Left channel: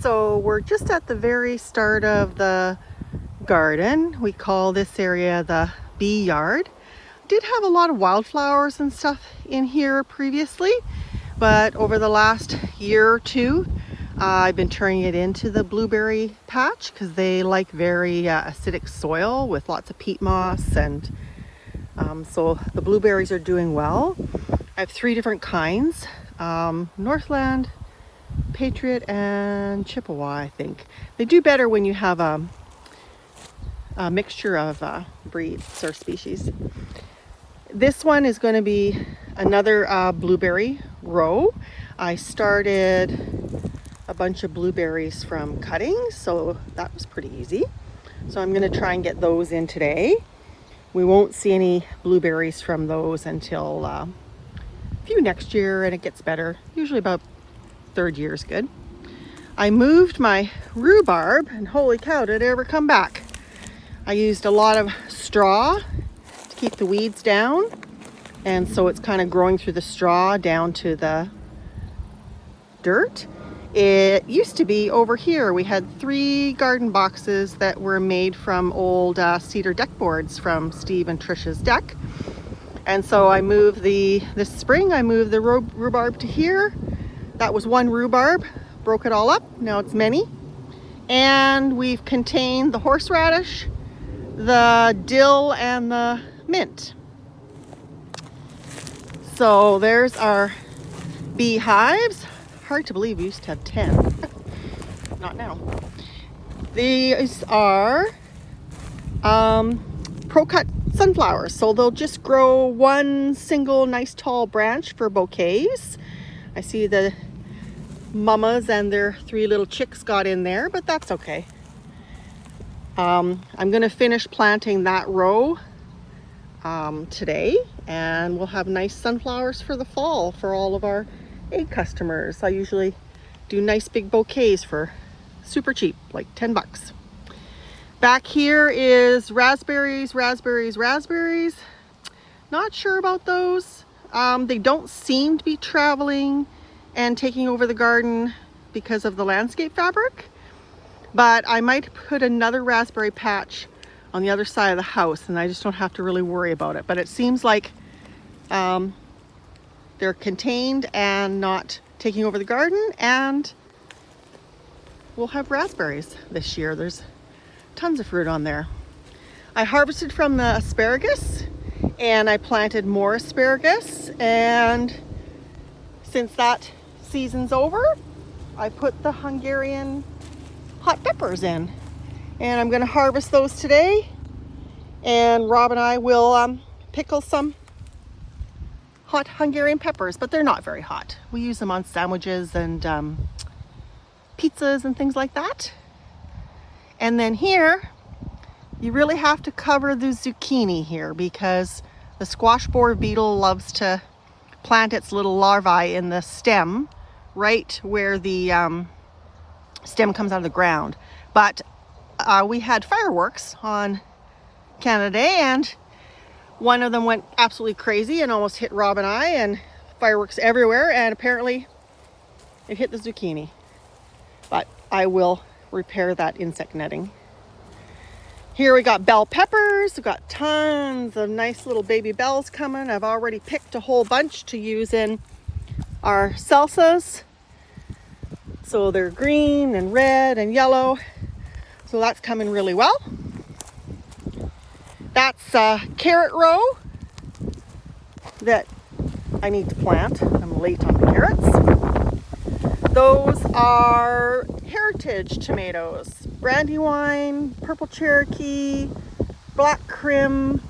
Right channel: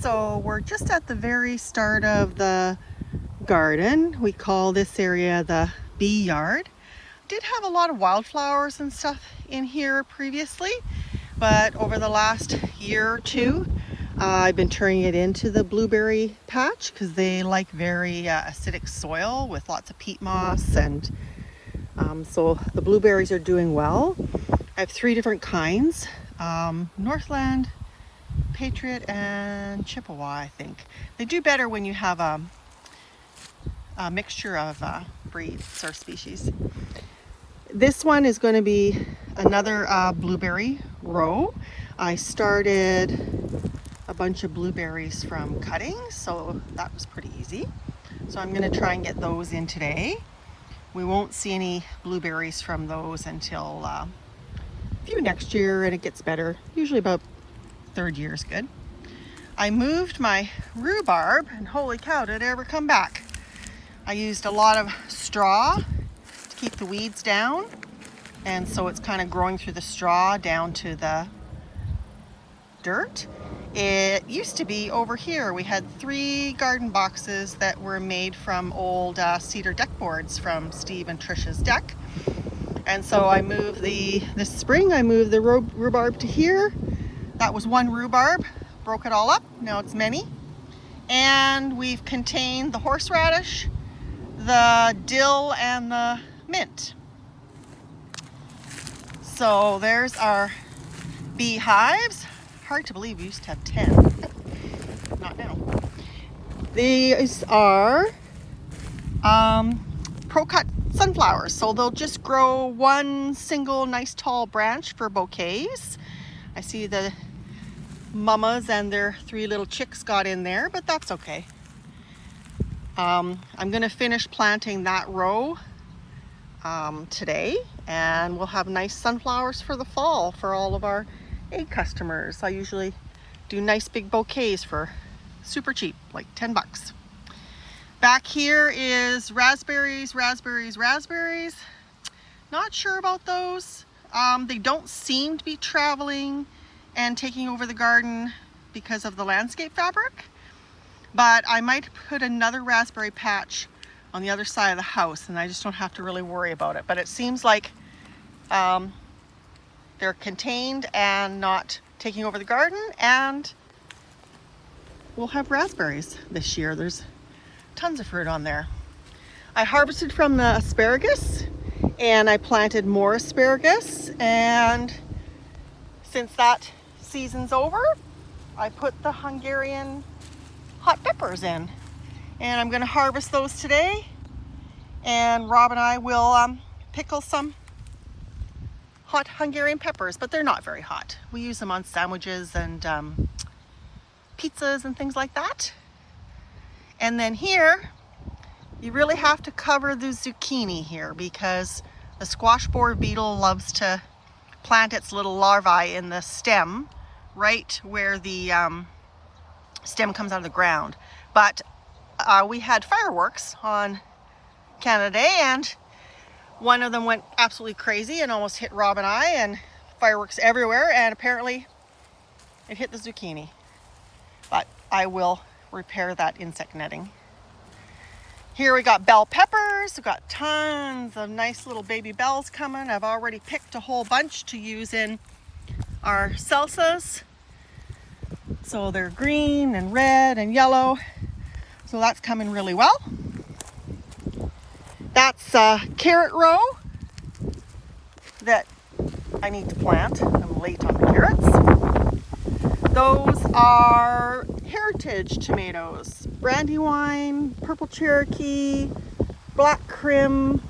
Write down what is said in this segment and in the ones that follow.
So we're just at the very start of the garden. We call this area the bee yard. Did have a lot of wildflowers and stuff in here previously, but over the last year or two, I've been turning it into the blueberry patch because they like very acidic soil with lots of peat moss, and so the blueberries are doing well. I have 3 different kinds, Northland, Patriot, and Chippewa, I think. They do better when you have a mixture of breeds or species. This one is going to be another blueberry row. I started a bunch of blueberries from cuttings, so that was pretty easy. So I'm going to try and get those in today. We won't see any blueberries from those until a few next year, and it gets better. Usually about 3rd year is good. I moved my rhubarb, and holy cow, did it ever come back. I used a lot of straw to keep the weeds down, and so it's kind of growing through the straw down to the dirt. It used to be over here. We had 3 garden boxes that were made from old cedar deck boards from Steve and Trisha's deck. And so I moved this spring, I moved the rhubarb to here. That was 1 rhubarb, broke it all up. Now it's many. And we've contained the horseradish, the dill, and the mint. So there's our beehives. Hard to believe we used to have 10. Not now. These are pro-cut sunflowers. So they'll just grow 1 single nice tall branch for bouquets. I see the mamas and their 3 little chicks got in there, but that's okay. I'm going to finish planting that row today, and we'll have nice sunflowers for the fall for all of our egg customers. I usually do nice big bouquets for super cheap, like 10 bucks. Back here is raspberries. Not sure about those. They don't seem to be traveling and taking over the garden because of the landscape fabric, but I might put another raspberry patch on the other side of the house, and I just don't have to really worry about it. But it seems like they're contained and not taking over the garden, and we'll have raspberries this year. There's tons of fruit on there. I harvested from the asparagus, and I planted more asparagus, and since that season's over, I put the Hungarian hot peppers in, and I'm going to harvest those today, and Rob and I will pickle some hot Hungarian peppers, but they're not very hot. We use them on sandwiches and pizzas and things like that. And then here, you really have to cover the zucchini here because the squash borer beetle loves to plant its little larvae in the stem right where the stem comes out of the ground. But we had fireworks on Canada Day, and one of them went absolutely crazy and almost hit Rob and I, and fireworks everywhere, and apparently it hit the zucchini. But I will repair that insect netting. Here we got bell peppers. We've got tons of nice little baby bells coming. I've already picked a whole bunch to use in our salsas. So they're green and red and yellow. So that's coming really well. That's a carrot row that I need to plant. I'm late on the carrots. Those are heritage tomatoes. Brandywine, purple Cherokee, black Krim,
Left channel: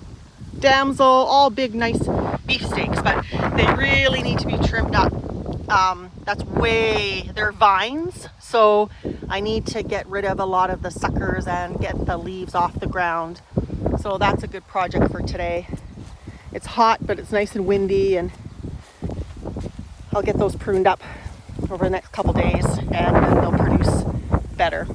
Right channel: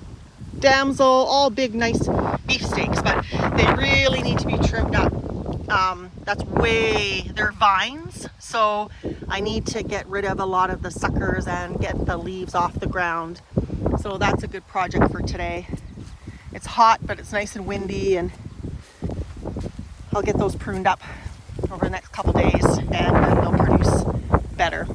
damsel, all big nice beefsteaks, but they really need to be trimmed up. They're vines, so I need to get rid of a lot of the suckers and get the leaves off the ground. So that's a good project for today. It's hot, but it's nice and windy, and I'll get those pruned up over the next couple days, and then they'll produce better.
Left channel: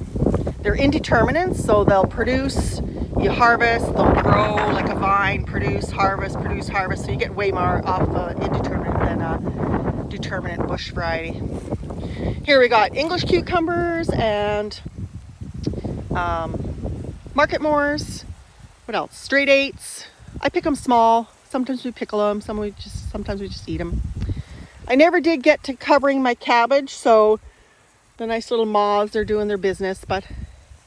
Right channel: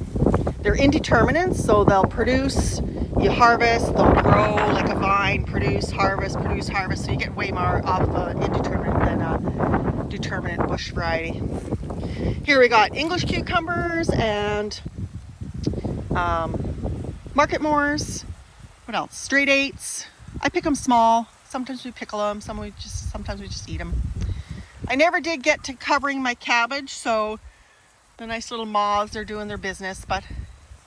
They're indeterminate, so they'll produce, you harvest, they'll grow like a vine, produce, harvest, so you get way more off indeterminate than a determinate bush variety. Here we got English cucumbers and market moors. What else? Straight eights. I pick them small. Sometimes we pickle them. Sometimes we just eat them. I never did get to covering my cabbage, so the nice little moths are doing their business. But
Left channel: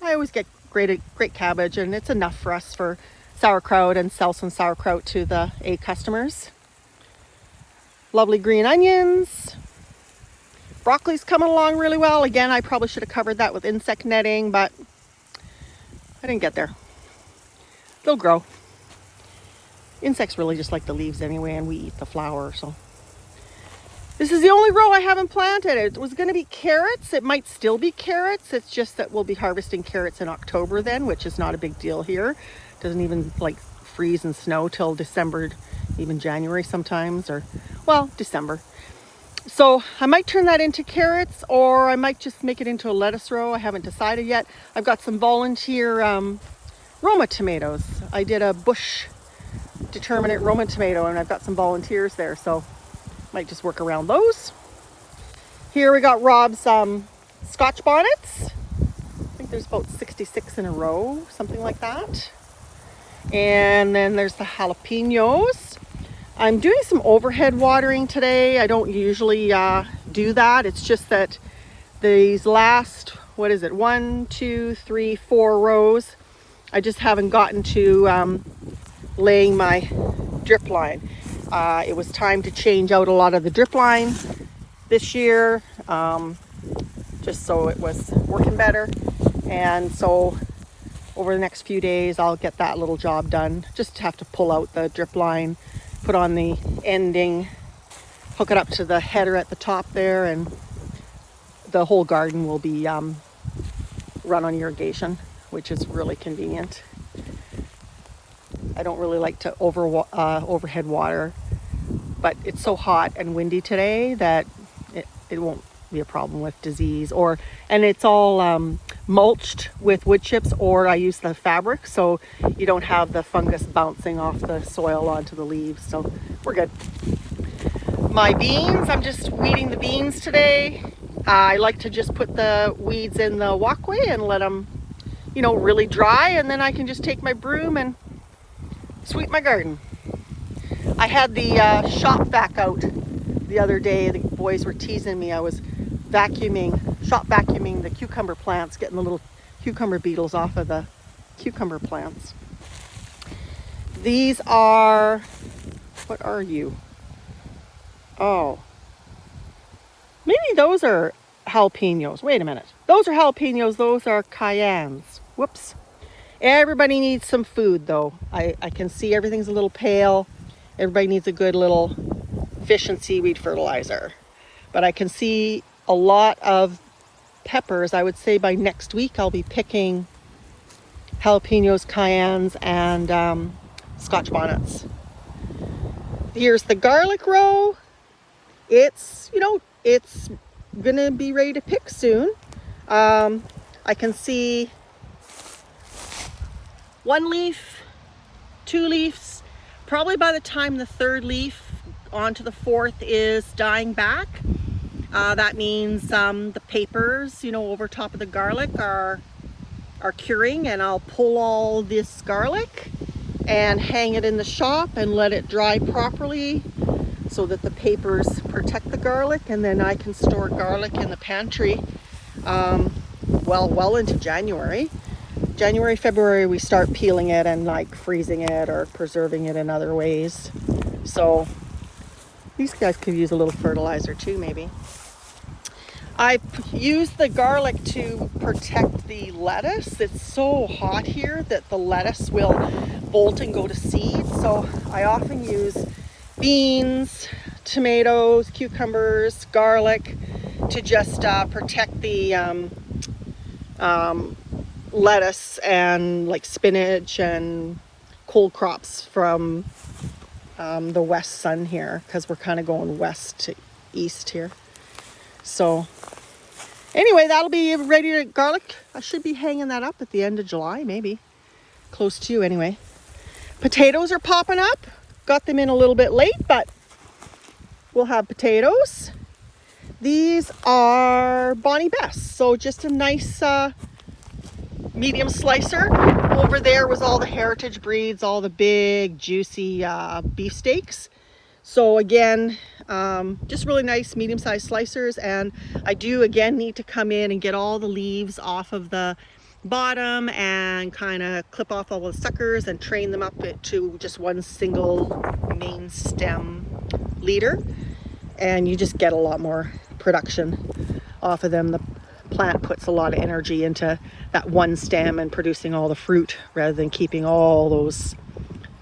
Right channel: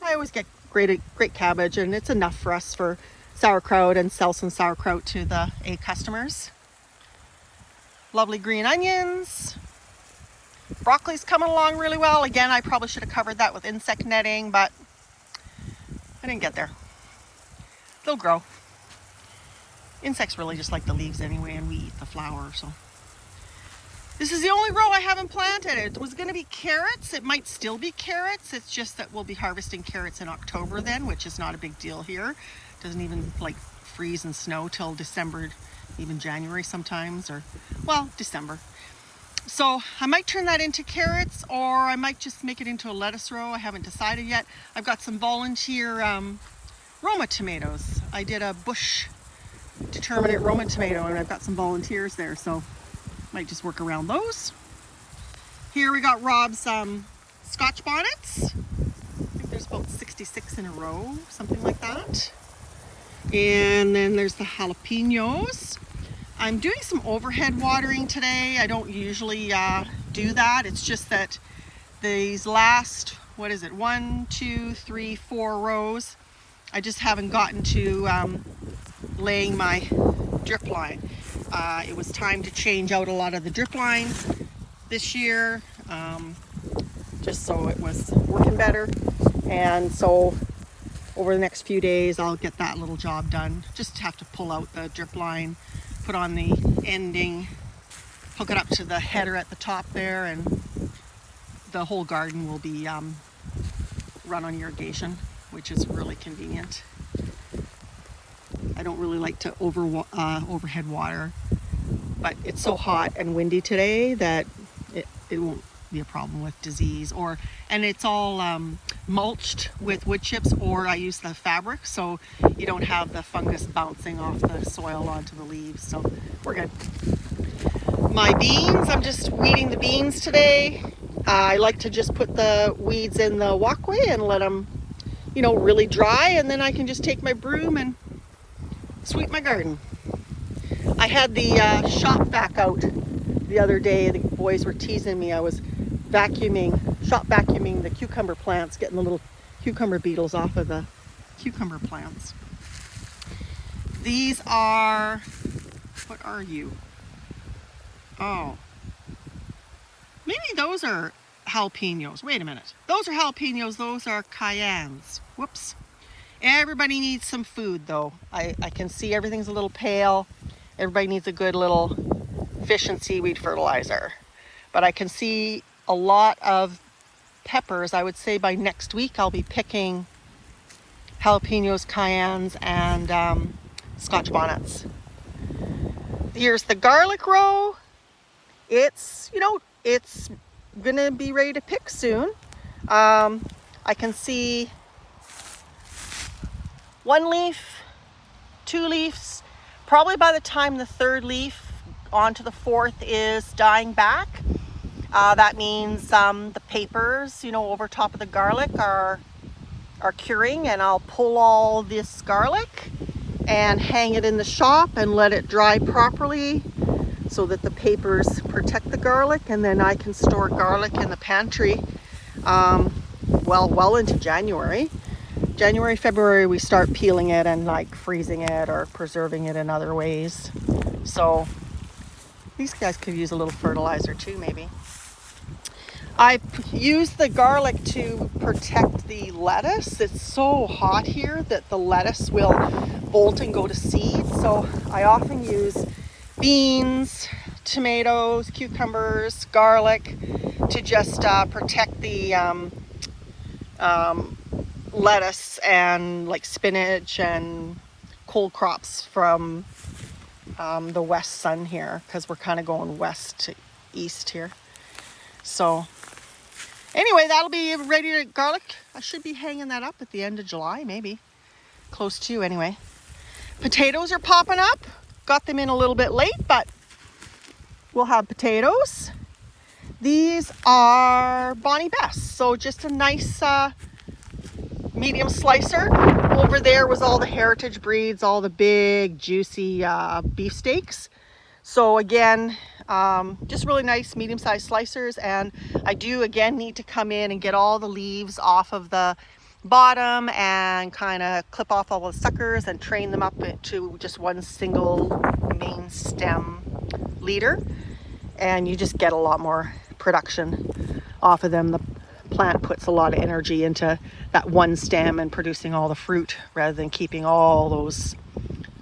I always get great cabbage, and it's enough for us for sauerkraut and sell some sauerkraut to the A customers. Lovely green onions. Broccoli's coming along really well. Again, I probably should have covered that with insect netting, but I didn't get there. They'll grow. Insects really just like the leaves anyway, and we eat the flower, so. This is the only row I haven't planted. It was gonna be carrots. It might still be carrots. It's just that we'll be harvesting carrots in October then, which is not a big deal here. Doesn't even like freeze and snow till December, even January sometimes, or well, December. So I might turn that into carrots, or I might just make it into a lettuce row. I haven't decided yet. I've got some volunteer Roma tomatoes. I did a bush determinate Roma tomato, and I've got some volunteers there, so might just work around those. Here we got Rob's Scotch bonnets. I think there's about 66 in a row, something like that. And then there's the jalapenos. I'm doing some overhead watering today. I don't usually do that. It's just that these last, 1, 2, 3, 4 rows, I just haven't gotten to laying my drip line. It was time to change out a lot of the drip line this year, just so it was working better. And so over the next few days, I'll get that little job done. Just have to pull out the drip line, put on the ending, hook it up to the header at the top there, and the whole garden will be run on irrigation, which is really convenient. I don't really like to overhead water, but it's so hot and windy today that it won't be a problem with disease, and it's all mulched with wood chips, or I use the fabric, so you don't have the fungus bouncing off the soil onto the leaves, so we're good. My beans, I'm just weeding the beans today. I like to just put the weeds in the walkway and let them, really dry, and then I can just take my broom and sweep my garden. I had the shop vac out the other day. The boys were teasing me. I was shop vacuuming the cucumber plants, getting the little cucumber beetles off of the cucumber plants. These are, what are you? Oh, maybe those are jalapenos. Wait a minute. Those are jalapenos. Those are cayennes. Whoops. Everybody needs some food, though. I can see everything's a little pale. Everybody needs a good little fish and seaweed fertilizer. But I can see a lot of peppers. I would say by next week I'll be picking jalapenos, cayennes, and Scotch bonnets. Here's the garlic row. It's, it's gonna be ready to pick soon. I can see 1 leaf, 2 leaves. Probably by the time the 3rd leaf onto the 4th is dying back, that means the papers, over top of the garlic are curing, and I'll pull all this garlic and hang it in the shop and let it dry properly so that the papers protect the garlic, and then I can store garlic in the pantry well into January. January, February, we start peeling it and like freezing it or preserving it in other ways. So these guys could use a little fertilizer too, maybe. I've used the garlic to protect the lettuce. It's so hot here that the lettuce will bolt and go to seed. So I often use beans, tomatoes, cucumbers, garlic to just protect the lettuce and like spinach and cold crops from the west sun here, because we're kind of going west to east here. So anyway, that'll be ready to garlic. I should be hanging that up at the end of July, maybe close to anyway. Potatoes are popping up. Got them in a little bit late, but we'll have potatoes. These are Bonnie Best. So just a nice medium slicer. Over there was all the heritage breeds, all the big juicy beefsteaks. So again, just really nice medium-sized slicers. And I do again need to come in and get all the leaves off of the bottom and kind of clip off all the suckers and train them up to just one single main stem leader. And you just get a lot more production off of them. The plant puts a lot of energy into that one stem and producing all the fruit rather than keeping all those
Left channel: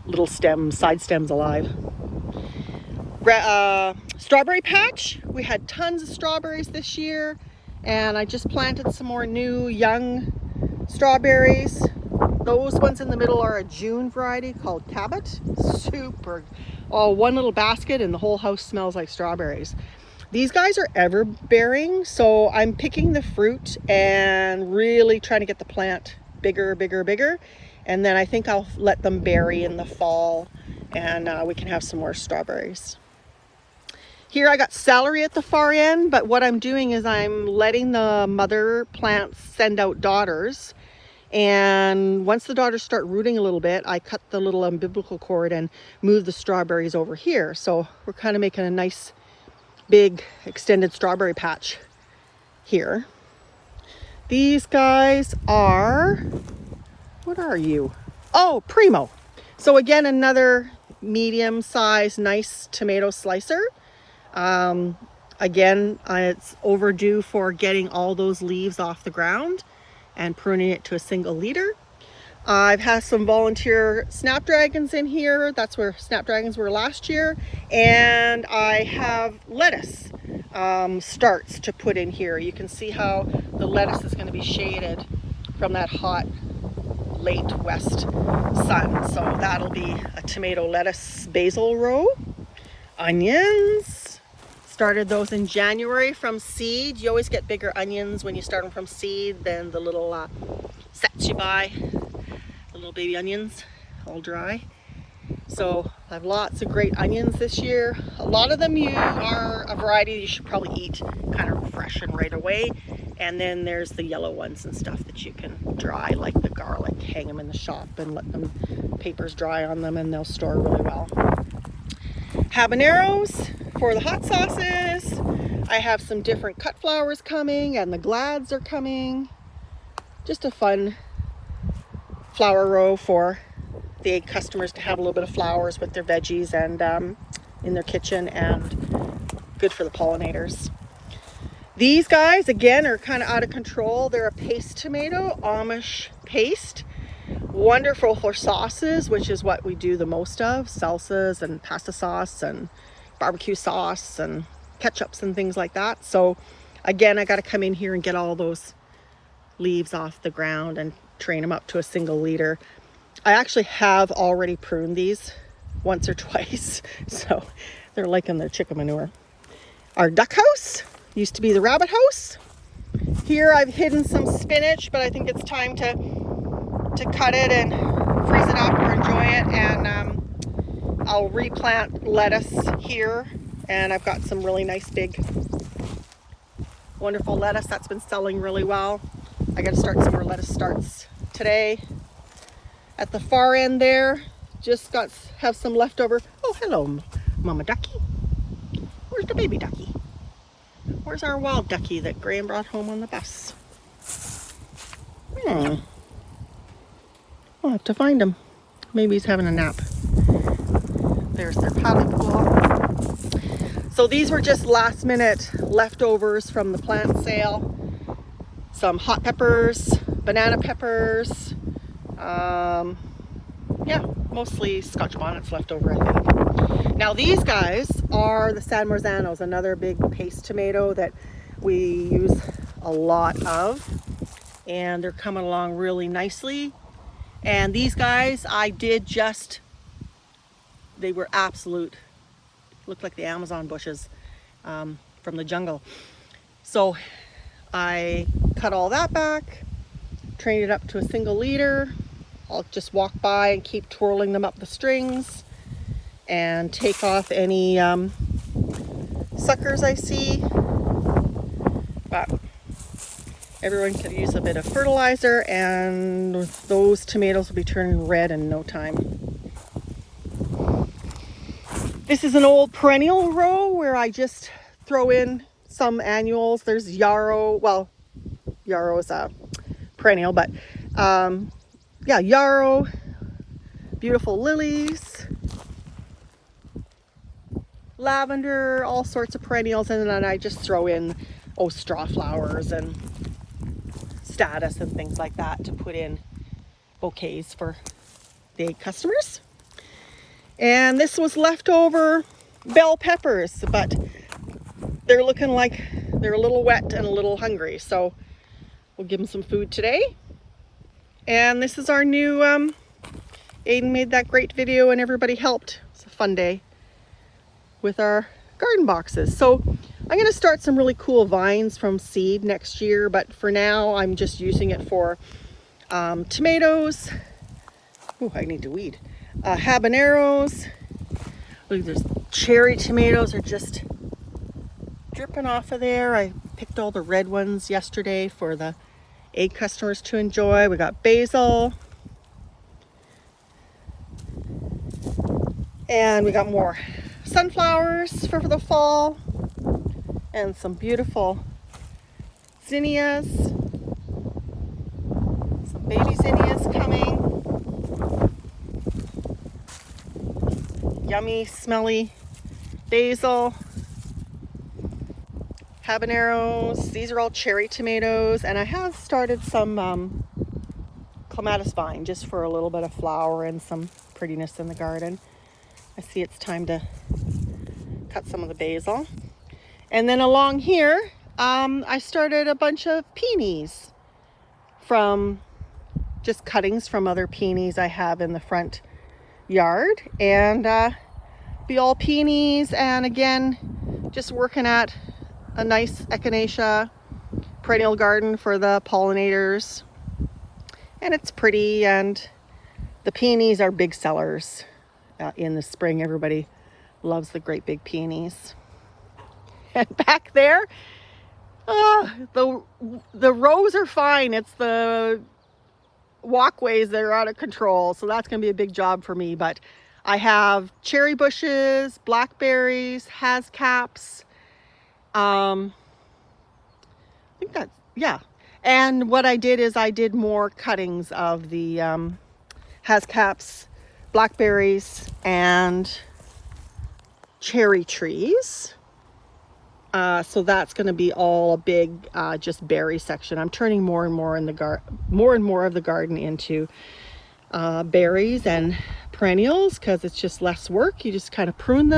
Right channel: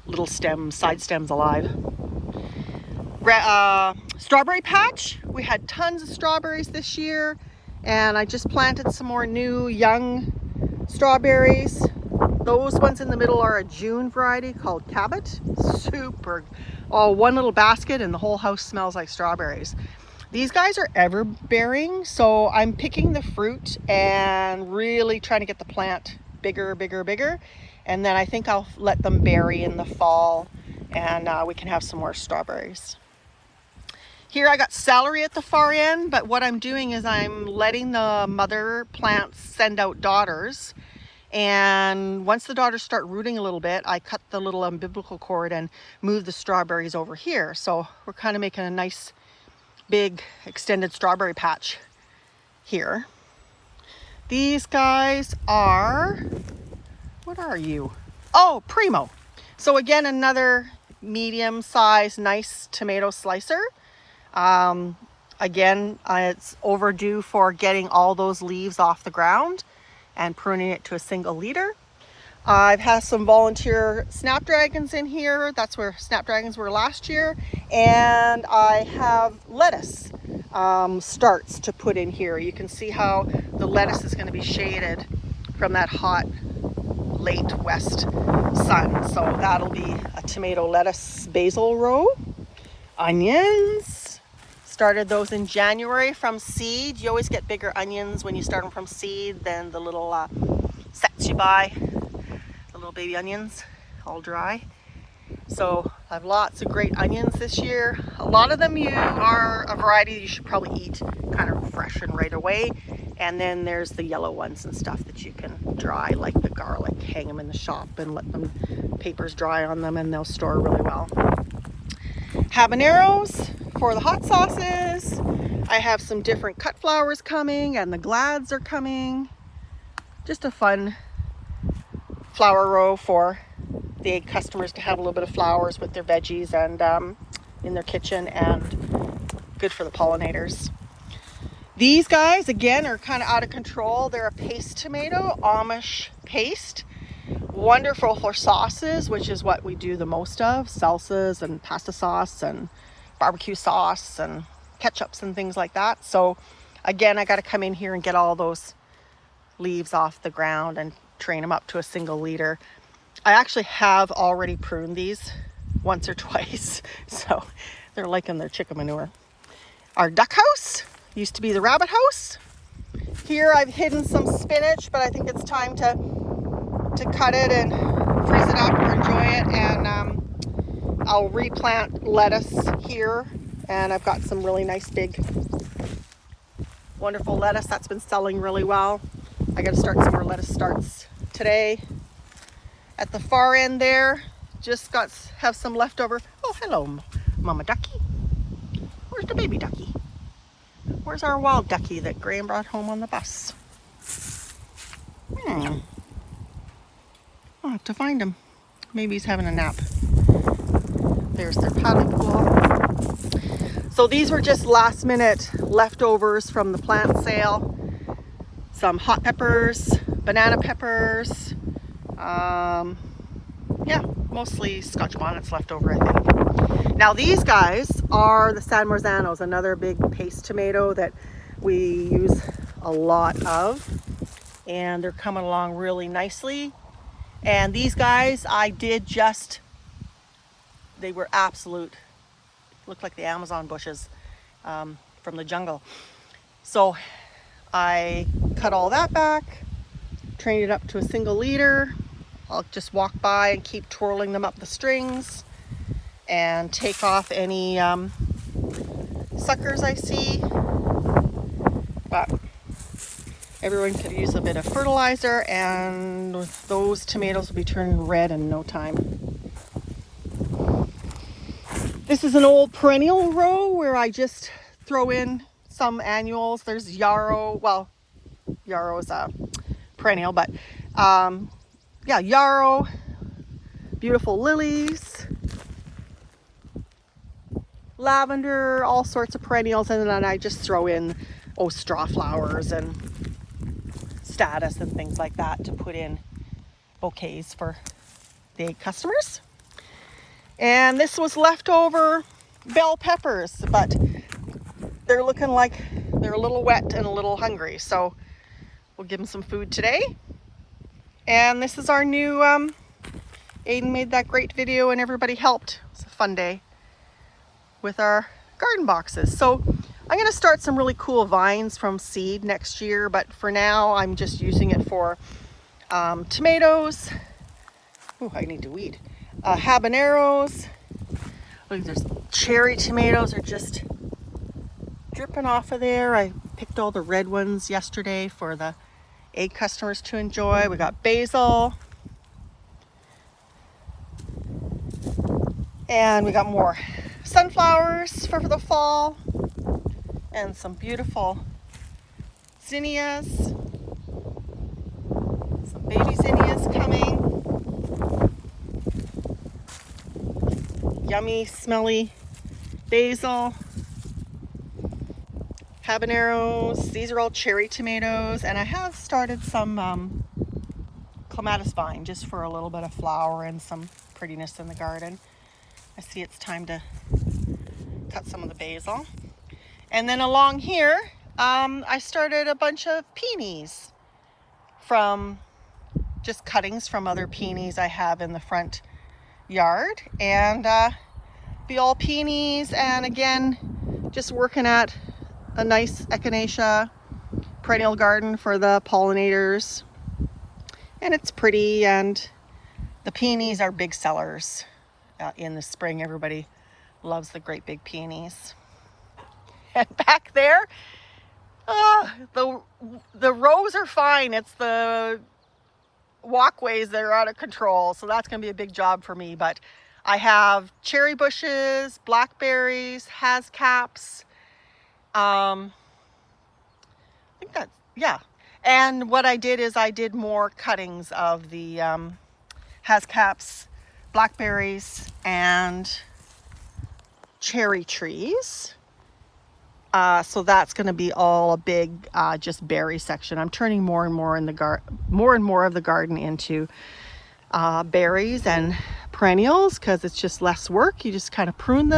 little stems, side stems alive. Strawberry patch. We had tons of strawberries this year, and I just planted some more new young strawberries. Those ones in the middle are a June variety called Cabot. Super, one little basket and the whole house smells like strawberries. These guys are ever bearing, so I'm picking the fruit and really trying to get the plant bigger, bigger, bigger. And then I think I'll let them berry in the fall, and we can have some more strawberries. Here I got celery at the far end, but what I'm doing is I'm letting the mother plants send out daughters. And once the daughters start rooting a little bit, I cut the little umbilical cord and move the strawberries over here. So we're kind of making a nice big extended strawberry patch here. These guys are, what are you? Oh, Primo. So again, another medium sized nice tomato slicer. Again, it's overdue for getting all those leaves off the ground and pruning it to a single leader. I've had some volunteer snapdragons in here. That's where snapdragons were last year. And I have lettuce starts to put in here. You can see how the lettuce is going to be shaded from that hot late west sun. So that'll be a tomato, lettuce, basil row. Onions. Started those in January from seed. You always get bigger onions when you start them from seed than the little sets you buy. The little baby onions, all dry. So I have lots of great onions this year. A lot of them are a variety you should probably eat kind of fresh and right away. And then there's the yellow ones and stuff that you can dry, like the garlic. Hang them in the shop and let them papers dry on them, and they'll store really well. Habaneros for the hot sauces. I have some different cut flowers coming, and the glads are coming. Just a fun flower row for the customers to have a little bit of flowers with their veggies and in their kitchen, and good for the pollinators. These guys again are kind of out of control. They're a paste tomato, Amish paste. Wonderful for sauces, which is what we do the most of. Salsas and pasta sauce and barbecue sauce and ketchups and things like that. So again, I got to come in here and get all those leaves off the ground and train them up to a single leader. I actually have already pruned these once or twice, so they're liking their chicken manure. Our duck house used to be the rabbit house. Here I've hidden some spinach, but I think it's time to cut it and freeze it up or enjoy it. And I'll replant lettuce here, and I've got some really nice big wonderful lettuce that's been selling really well. I got to start some more lettuce starts today. At the far end there, just have some leftover. Oh, hello, Mama Ducky. Where's the baby ducky? Where's our wild ducky that Graham brought home on the bus? I'll have to find him. Maybe he's having a nap. There's their paddle pool. So these were just last minute leftovers from the plant sale. Some hot peppers, banana peppers. Yeah, mostly Scotch bonnets left over, I think. Now these guys are the San Marzanos, another big paste tomato that we use a lot of. And they're coming along really nicely. And these guys, I did just, they were absolute, looked like the Amazon bushes from the jungle. So I cut all that back, trained it up to a single leader. I'll just walk by and keep twirling them up the strings and take off any suckers I see. but everyone could use a bit of fertilizer, and those tomatoes will be turning red in no time. This is an old perennial row where I just throw in some annuals. There's yarrow. Well, yarrow is a perennial, but yeah, yarrow, beautiful lilies, lavender, all sorts of perennials, and then I just throw in straw flowers and status and things like that to put in bouquets for the customers. And this was leftover bell peppers, but they're looking like they're a little wet and a little hungry, so we'll give them some food today. And this is our new Aiden made that great video and everybody helped. It's a fun day with our garden boxes. So I'm going to start some really cool vines from seed next year, but for now I'm just using it for tomatoes. Oh, I need to weed. Habaneros. Look, there's cherry tomatoes are just dripping off of there. I picked all the red ones yesterday for the egg customers to enjoy. We got basil. And we got more sunflowers for the fall. And some beautiful zinnias. Some baby zinnias coming. Yummy, smelly basil. Habaneros. These are all cherry tomatoes. And I have started some clematis vine just for a little bit of flower and some prettiness in the garden. I see it's time to cut some of the basil. And then along here, I started a bunch of peonies from just cuttings from other peonies I have in the front yard. And be all peonies, and again, just working at a nice echinacea perennial garden for the pollinators. And it's pretty, and the peonies are big sellers in the spring. Everybody loves the great big peonies. And back there, the rows are fine. It's the walkways that are out of control. So that's going to be a big job for me. But I have cherry bushes, blackberries, hascaps. I think that's, yeah. And what I did is I did more cuttings of the hascaps, blackberries, and cherry trees. So that's going to be all a big just berry section. I'm turning more and more of the garden into berries and perennials because it's just less work. You just kind of prune them.